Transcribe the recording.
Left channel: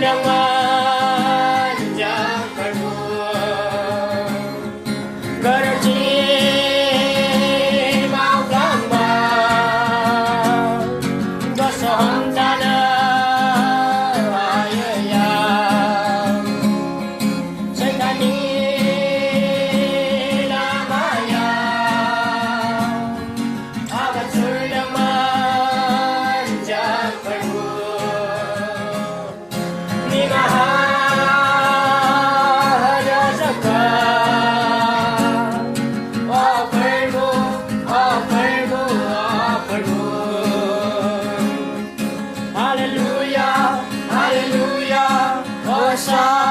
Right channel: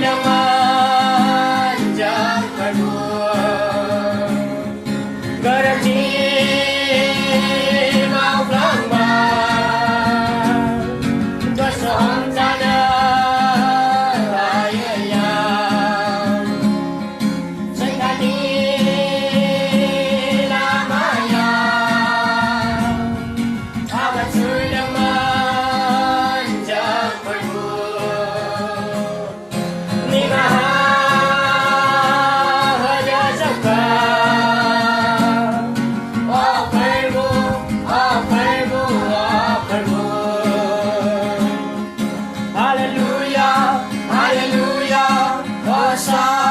naman jangkarku gerci mau lama jasam sana ayaya sekali lamaya amat naman jangkarku Hallelujah, hallelujah, Hosanna.